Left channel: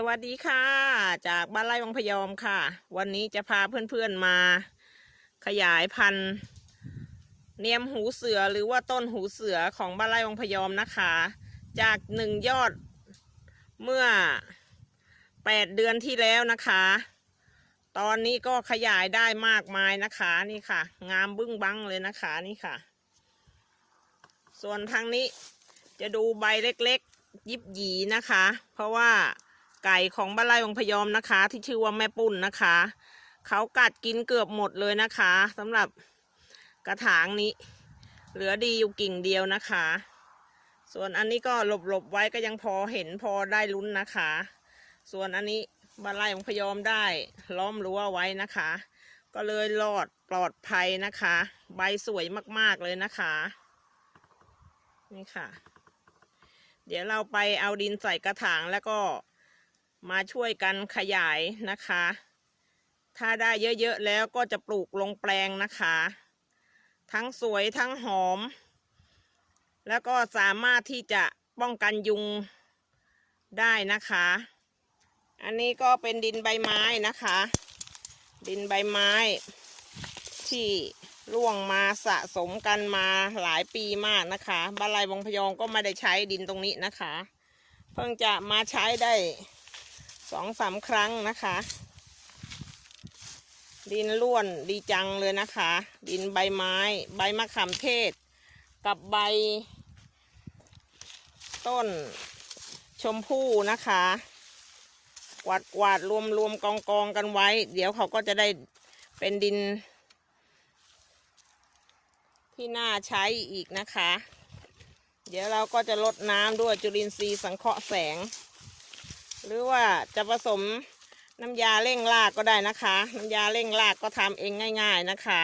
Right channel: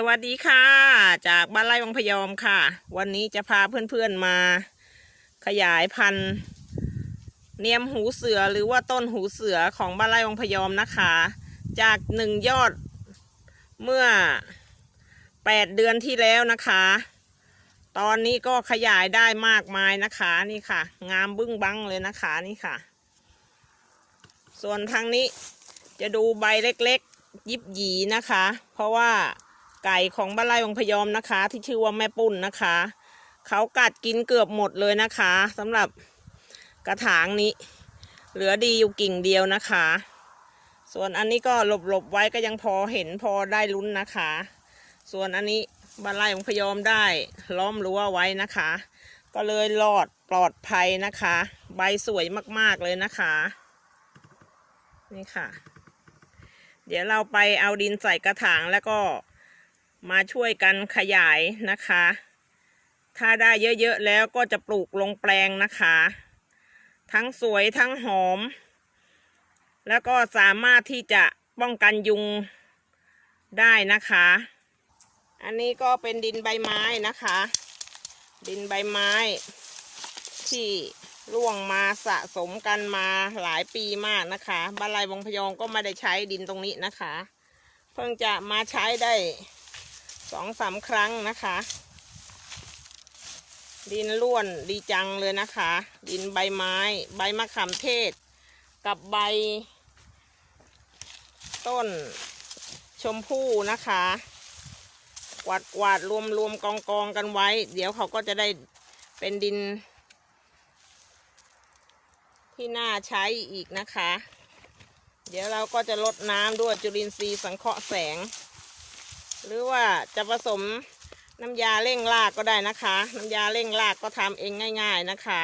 สวัสดีค่ะ จากบ้านไร่วังพยอมค่ะ วันนี้จะพาเพื่อนๆมาขยายพันธุ์เนียมหูเสือหรือว่าต้นหูเสือของบ้านไร่วังพยอมนะคะ จากหนึ่งยอดเมื่อแปดเดือนที่แล้วนะคะ ตอนนี้ก็ขยายได้มากมายนะคะนี่ค่ะ งามบึ้งบังเลยนะคะนี่ค่ะ ส่วนทางนี้จะดูใบเล็กๆ ยิบหยีนะคะ เพราะว่า ไก่ของบ้านไร่วังพยอมนะคะ ที่ชื่อว่าแม่ปุ้นนะคะ เขากัดกินเกือบหมดเลยนะคะสำหรับกระถางนี้ เหลือดีอยู่กิ่งเดียวนะคะ ส่วนอันนี้ก็หลบๆไว้ก็ยังพอเห็นพอได้ลุ้นนะคะ ส่วนอันนี้บ้านไร่วังพยอมได้ล้อมรั้วไว้นะคะ ก็เลยรอดปลอดภัยนะคะ ใบสวยมากๆเลยนะคะนี่ค่ะ เดี๋ยวเราไปเอาดินใส่กระถางแล้วก็ มาช่วยกันขยายนะคะ ถ้าได้เยอะๆแล้วก็จะปลูกลงแปลงนะคะ ทั้งสวยทั้งหอม แล้วก็สามารถที่จะป้องกันยุงได้นะคะ อันนี้ก็เป็นดินใบไม้นะคะ ดินใบไม้ ที่ร่วงมาสะสมกันมาหลายปีมากนะคะบ้านไรวงพยองก็ไม่ได้ใช้ดินตรงนี้นะคะ เพิ่งจะมาใช้ได้ สองสามครั้งนะคะ ดินล้วนดีจังเลยนะคะ ดินใบไม้ ใบมะขามเทศ กับใบ ต้นชมพู่นะคะกวาดกวาดรวมรวมกองกองกันไว้ เดี๋ยวเขาก็จะได้เป็นดิน ที่น่าใช้อีกนะคะ เดี๋ยวเราก็จะลดน้ำด้วยจุลินทรีย์สังเคราะห์แสง หรือว่าจะผสมน้ำยาเร่งรากก็ได้นะคะ น้ำยาเร่งรากก็ทำเองง่าย ๆนะคะ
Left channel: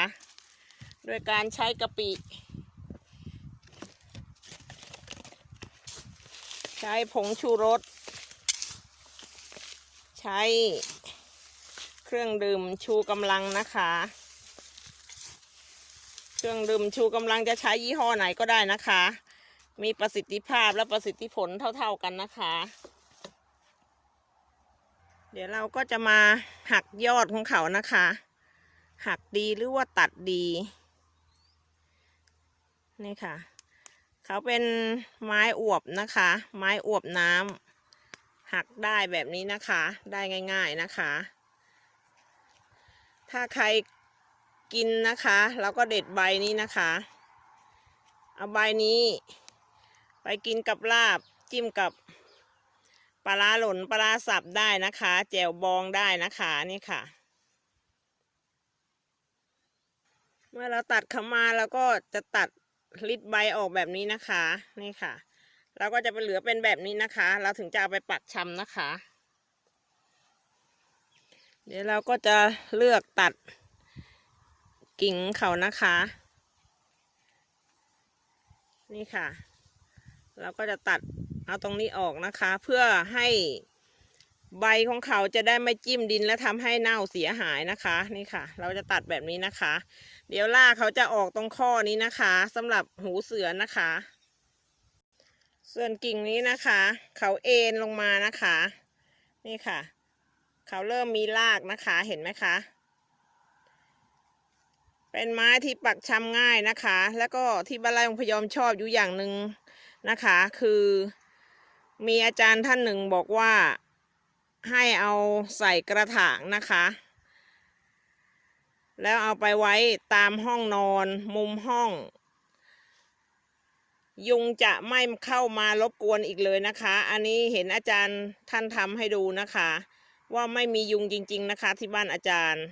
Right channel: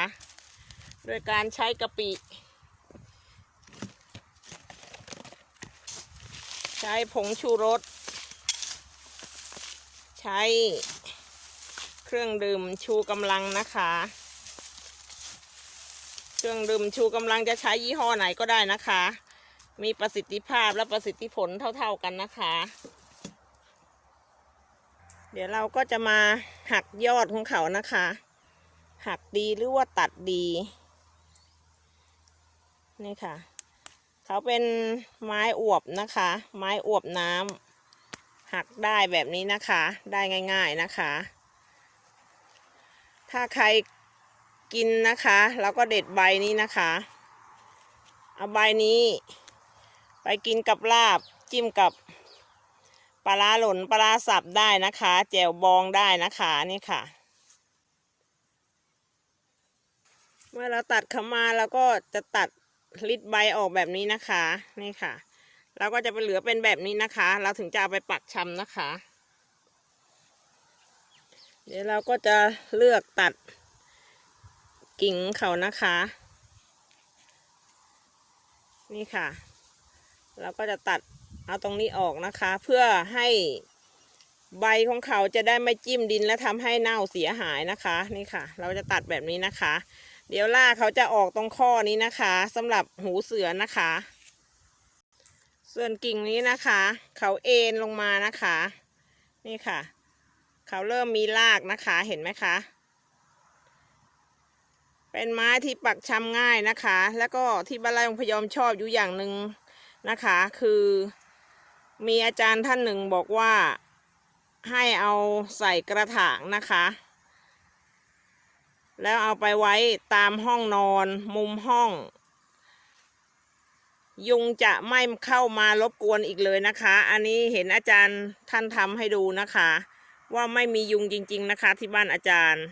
โดยการใช้กะปิ ใช้ผงชูรส ใช้เครื่องดื่มชูกำลังนะคะ เครื่องดื่มชูกำลังจะใช้ยี่ห้อไหนก็ได้นะคะ มีประสิทธิภาพและประสิทธิผลเท่าๆกันนะคะ เดี๋ยวเราก็จะมาหักยอดของเขานะคะ หักดีหรือว่าตัดดี นี่ค่ะ เขาเป็นไม้อวบนะคะ ไม้อวบน้ำหักได้แบบนี้นะคะ ได้ง่าย ๆนะคะ ถ้าใครกินนะคะเราก็เด็ดใบนี้นะคะ เอาใบนี้ ไปกินกับลาบจิ้มกับ ปลาหล่นปลาสับได้นะคะ แจวบองได้นะคะนี่ค่ะ เมื่อเราตัดเข้ามาเราก็จะตัดลิดใบออกแบบนี้นะคะ นี่ค่ะ เราก็จะไปเหลือเป็นแบบนี้นะคะ เราถึงจะเอาไปปักชำนะคะ เดี๋ยวเราก็จะเลือกตัดกิ่งเขานะคะ นี่ค่ะ เราก็จะตัด เอาตรงนี้ออกนะคะ เพื่อให้ใบของเขาจะได้ไม่จิ้มดินและทำให้เน่าเสียหายนะคะ นี่ค่ะ เราจะตัดแบบนี้นะคะ เดี๋ยวล่ากเขาจะออกตรงข้อนี้นะคะสำหรับหูเสือนะคะ ส่วนกิ่งนี้นะคะ เขาเอ็นลงมานะคะ นี่ค่ะ เขาเริ่มมีรากนะคะเห็นไหมคะเป็นไม้ที่ปักชำง่ายนะคะ แล้วก็ที่บ้านไร่องพยอมชอบอยู่อย่างหนึ่งนะคะ คือ มีอาจารย์ท่านหนึ่งบอกว่าให้เอาใส่กระถางนะคะ แล้วเอาไปไว้ตามห้องนอนมุมห้อง ยุงจะไม่เข้ามารบกวนอีกเลยนะคะ อันนี้เห็นอาจารย์ท่านทำให้ดูนะคะ ว่าไม่มียุงจริง ๆนะคะ ที่บ้านอาจารย์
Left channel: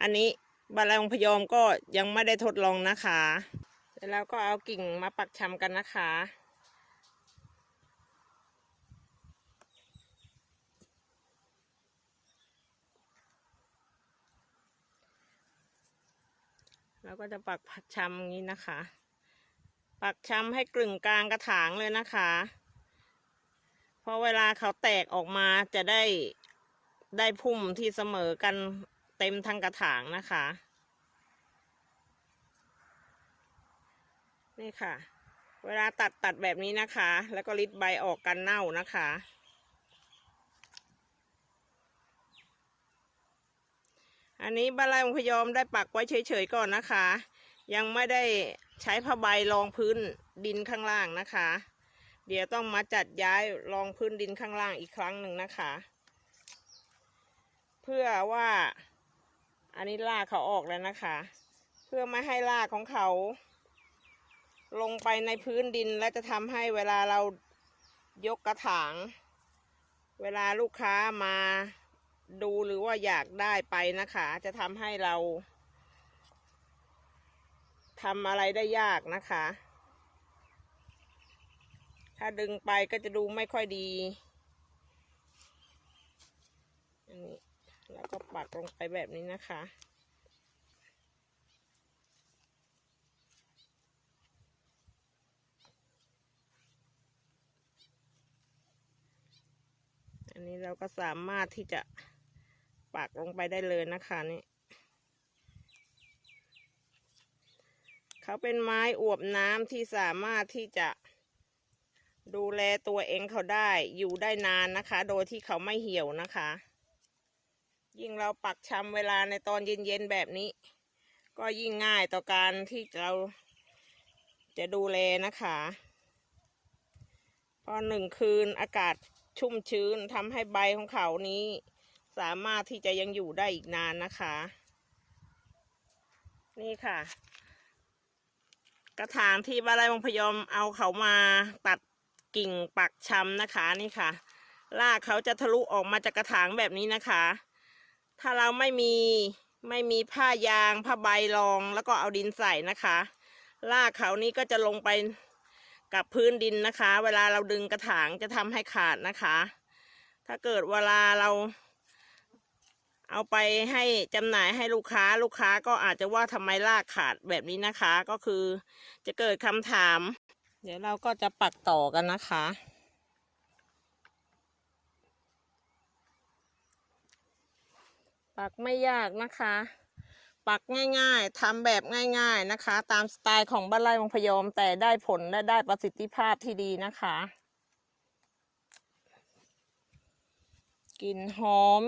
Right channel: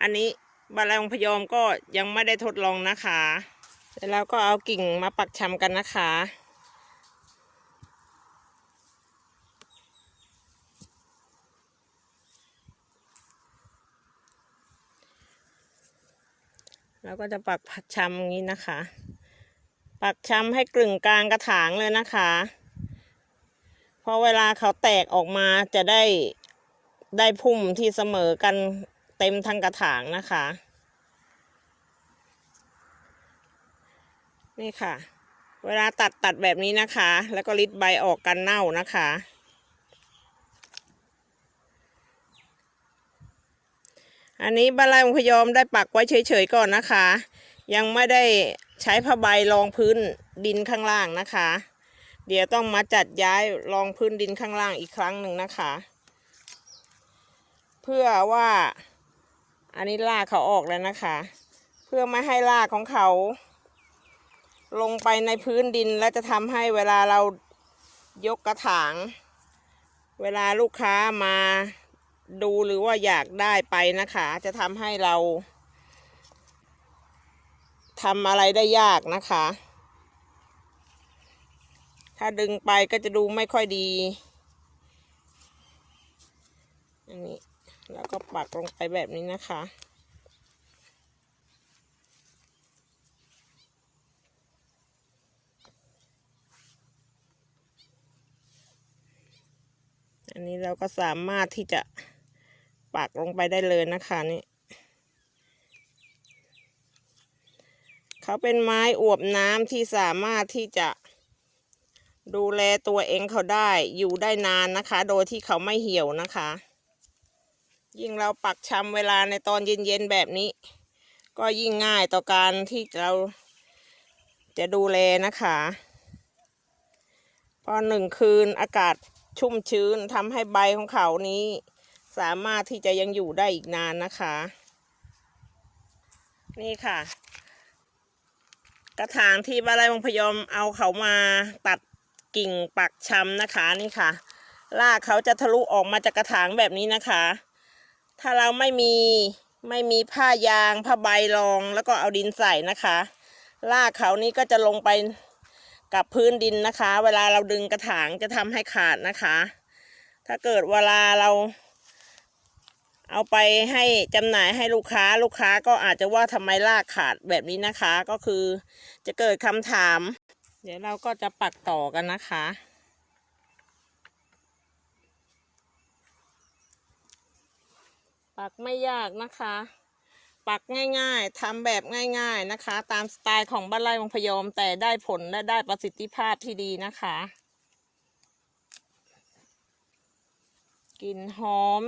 อันนี้บานไรงพยอมก็ยังไม่ได้ทดลองนะคะเดี๋ยวเราก็เอากิ่งมาปักชำกันนะคะ เราก็จะปักผักชำอย่างนี้นะคะ ปักชำให้กลึงกลางกระถางเลยนะคะเพราะเวลาเขาแตกออกมาจะได้ได้พุ่มที่เสมอกันเต็มทั้งกระถางนะคะ นี่ค่ะ เวลาตัดตัดแบบนี้นะคะ แล้วก็ริดใบออกกันเน่านะคะ อันนี้บ้านไร่องพยอมได้ปักไว้เฉยๆก่อนนะคะ ยังไม่ได้ใช้ผ้าใบรองพื้นดินข้างล่างนะคะ เดี๋ยวต้องมาจัดย้ายรองพื้นดินข้างล่างอีกครั้งหนึ่งนะคะ เพื่อว่าอันนี้รากเขาออกแล้วนะคะ เพื่อไม่ให้รากของเขา ลงไปในพื้นดินและจะทำให้เวลาเรายกกระถาง เวลาลูกค้ามา ดูหรือว่าอยากได้ไปนะคะ จะทำให้เราทำอะไรได้ยากนะคะ ถ้าดึงไปก็จะดูไม่ค่อยดี อันนี้แล้วก็ปักลงไปแบบนี้นะคะ อันนี้เราก็สามารถที่จะ ปักลงไปได้เลยนะคะนี่เขาเป็นไม้อวบน้ำที่สามารถที่จะดูแลตัวเองเขาได้อยู่ได้นานนะคะ โดยที่เขาไม่เหี่ยวนะคะ ยิ่งเราปักชำเวลาในตอนเย็นๆแบบนี้ ก็ยิ่งง่ายต่อการที่เราจะดูแลนะคะพอหนึ่งคืนอากาศชุ่มชื้นทำให้ใบของเขานี้ สามารถที่จะยังอยู่ได้อีกนานนะคะ นี่ค่ะ กระถางที่บ้านไร่วงพยอมเอาเขามาตัดกิ่งปักชำนะคะนี่ค่ะรากเขาจะทะลุออกมาจากกระถางแบบนี้นะคะ ถ้าเราไม่มีไม่มีผ้ายางผ้าใบรองแล้วก็เอาดินใส่นะคะรากเขานี้ก็จะลงไปกับพื้นดินนะคะ เวลาเราดึงกระถางจะทำให้ขาดนะคะ ถ้าเกิดเวลาเรา เอาไปให้จำหน่ายให้ลูกค้าลูกค้าก็อาจจะว่าทำไมรากขาดแบบนี้นะคะ ก็คือจะเกิดคำถาม เดี๋ยวเราก็จะปักต่อกันนะคะ ปักไม่ยากนะคะ ปักง่ายๆทำแบบง่ายๆนะคะ ตามสไตล์ของบ้านไร่วงพยอมแต่ได้ผลและได้ประสิทธิภาพที่ดีนะคะกลิ่นหอม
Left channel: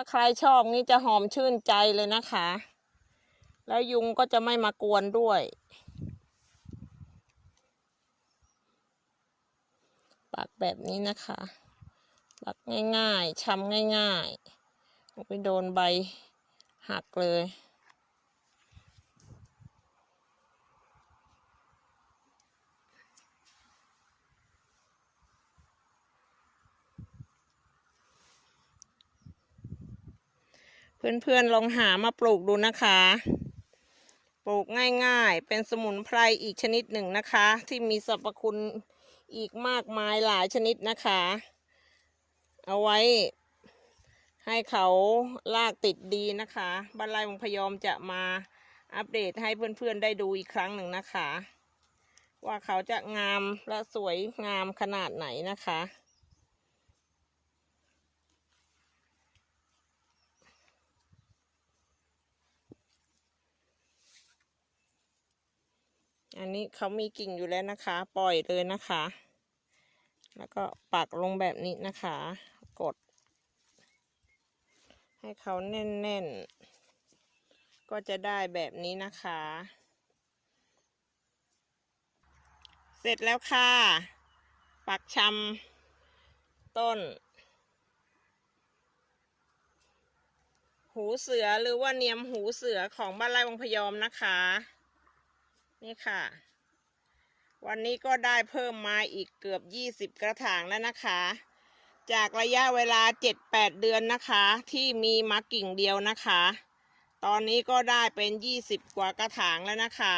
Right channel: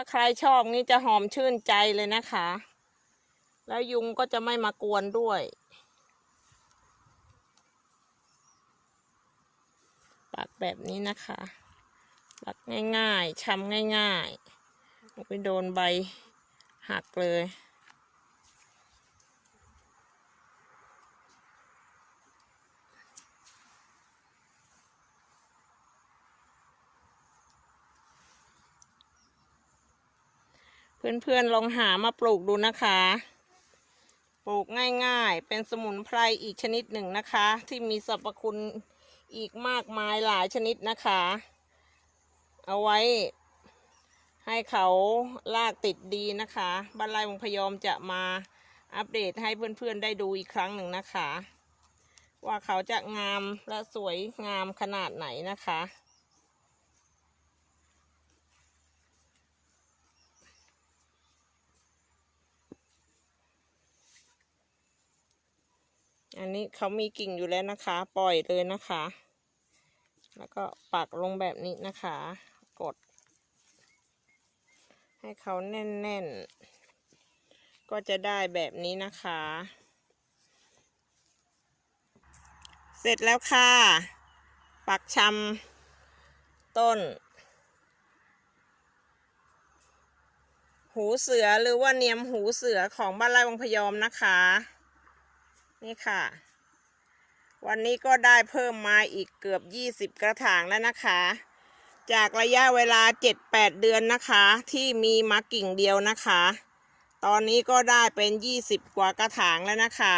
ถ้าใครชอบนี่จะหอมชื่นใจเลยนะคะ แล้วยุงก็จะไม่มากวนด้วย ปักแบบนี้นะคะปักง่ายๆช้ำง่ายๆไปโดนใบหักเลย เพื่อนๆลองหามาปลูกดูนะคะ ปลูกง่ายๆ เป็นสมุนไพรอีกชนิดหนึ่งนะคะ ที่มีสรรพคุณอีกมากมายหลายชนิดนะคะ เอาไว้ ให้เขาลากติดดีนะคะบ้านไร่วงพยอมจะมาอัปเดตให้เพื่อนๆได้ดูอีกครั้งหนึ่งนะคะ ว่าเขาจะงามและสวยงามขนาดไหนนะคะ อันนี้เขามีกิ่งอยู่แล้วนะคะ ปล่อยเลยนะคะ แล้วก็ปักลงแบบนี้นะคะ กด ให้เขาแน่นๆ ก็จะได้แบบนี้นะคะ เสร็จแล้วค่ะ ปักชำต้น หูเสือหรือว่าเนียมหูเสือของบ้านไร่วังพยอมนะคะ นี่ค่ะ วันนี้ก็ได้เพิ่มมาอีกเกือบ20กระถางแล้วนะคะ จากระยะเวลา7-8เดือนนะคะ ที่มีมากิ่งเดียวนะคะ ตอนนี้ก็ได้เป็น20กว่ากระถางแล้วนะคะ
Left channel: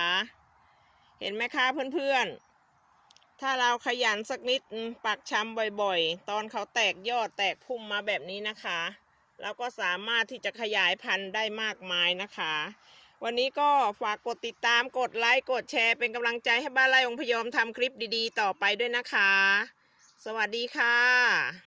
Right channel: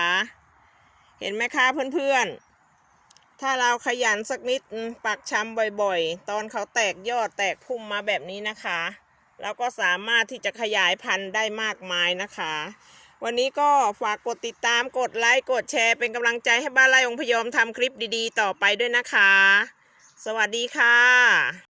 เห็นไหมคะเพื่อนๆถ้าเราขยันสักนิดปักชำบ่อยๆ ตอนเขาแตกยอดแตกพุ่มมาแบบนี้นะคะ เราก็สามารถที่จะขยายพันธุ์ได้มากมายนะคะ วันนี้ก็ฝากกดติดตามกดไลค์กดแชร์เป็นกำลังใจให้บ้านไร่องพยอมทำคลิปดีๆ ต่อไปด้วยนะคะ สวัสดีค่ะ